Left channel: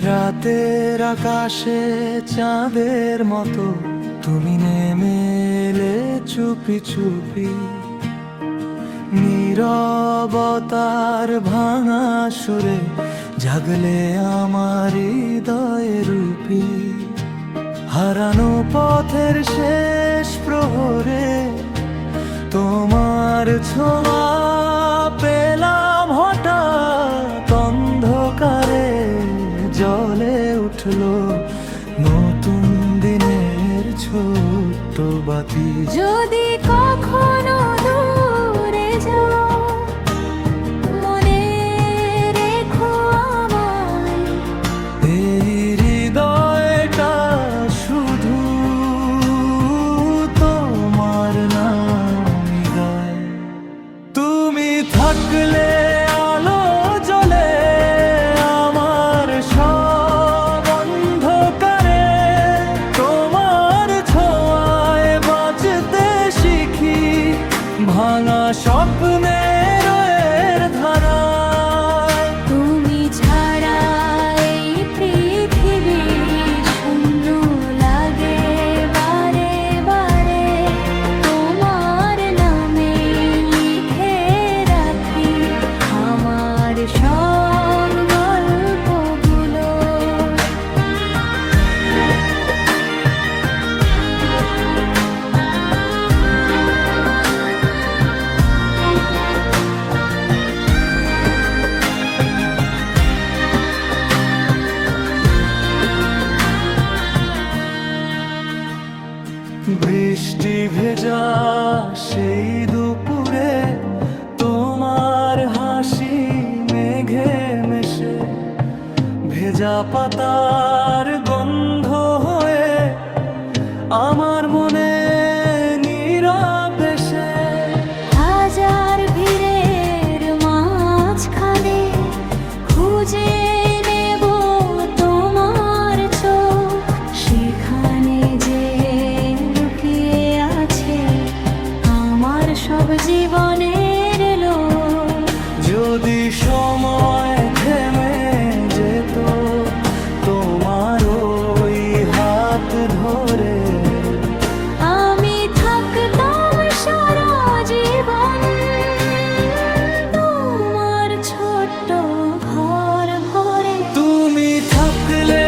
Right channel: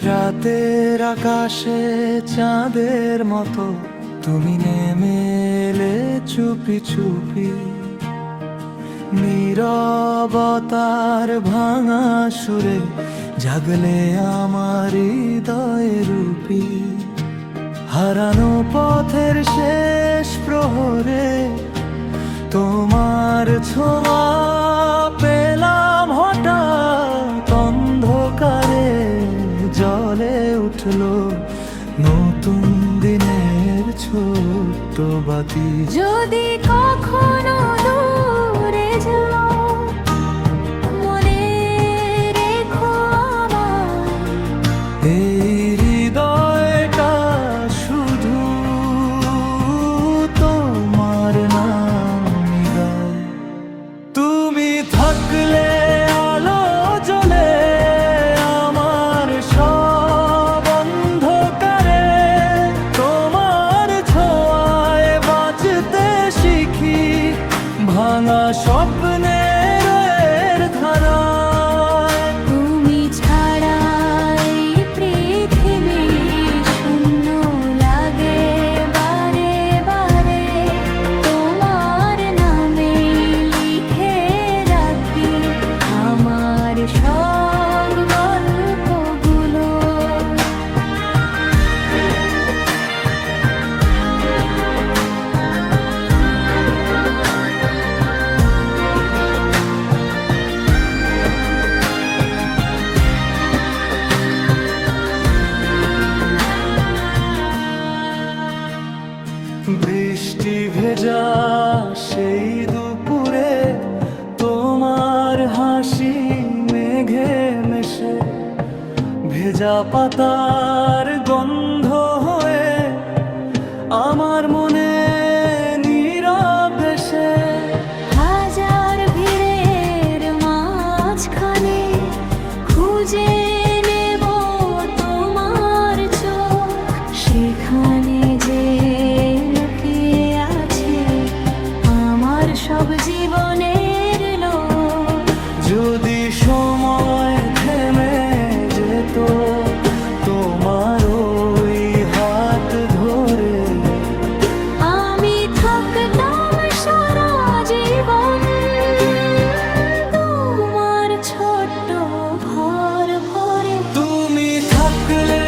রাতের আকাশে চাঁদের মতো তুমি নেমে এলে চুপি চুপি, নীরবতার ভাঙা সুরে জাগলে আমার হৃদয়ে রূপী। হারানো পথের শেষ প্রহরে তোমার ছোঁয়া পেলাম হঠাৎ, অন্ধকারে জ্বলে উঠলো নতুন দিনের ছোট্ট বাতি। যদি কখনো দূরে যাও মনে রেখো আমায়, এই হৃদয়টা শুধু তোমার নামই গায়। তুমি থাকলে আলো জ্বলে আমার সব অন্ধকারে, তোমার ছোঁয়ায় বাঁচতে শিখি ভাঙা স্বপ্নের এর ধারায়। তুমি ছাড়া এই পৃথিবী শূন্য লাগে বারে বারে, তোমার নামে লিখে রাখি আমার সব গল্পগুলো। বৃষ্টি ভেজা সেই দুপুরে তোমার হাসি মেঘে মেশে, ভেজা পাতার গন্ধ হয়ে আমার মনে নীরব দেশে। হাজার ভিড়ের মাঝখানে খুঁজে নেব তোমার চোখ, সেখানে যে লুকিয়ে আছে আমার সব জীবনের লোক। যদি সময় থেমে যেত তোমার ওই হাত ধরে, আমি থাকতাম সারা জীবন তোমার ছোট্ট ঘর ভরে। তুমি থাকলে